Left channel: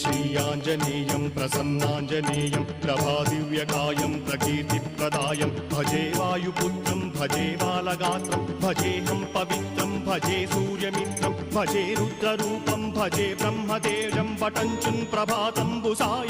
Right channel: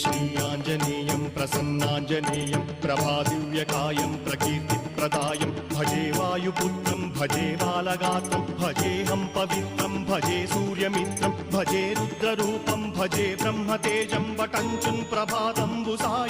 श्रीयाञ्जनेयं प्रसन्नाञ्जनेयं प्रभादिव्यकायं प्रकीर्तिप्रदायं भजे वायुपुत्रं भजे बालगात्रं भजेऽहं पवित्रं भजे सूर्यमित्रं भजे रुद्ररूपं भजे ब्रह्मदेवं वटञ्चं प्रभातम्बुसार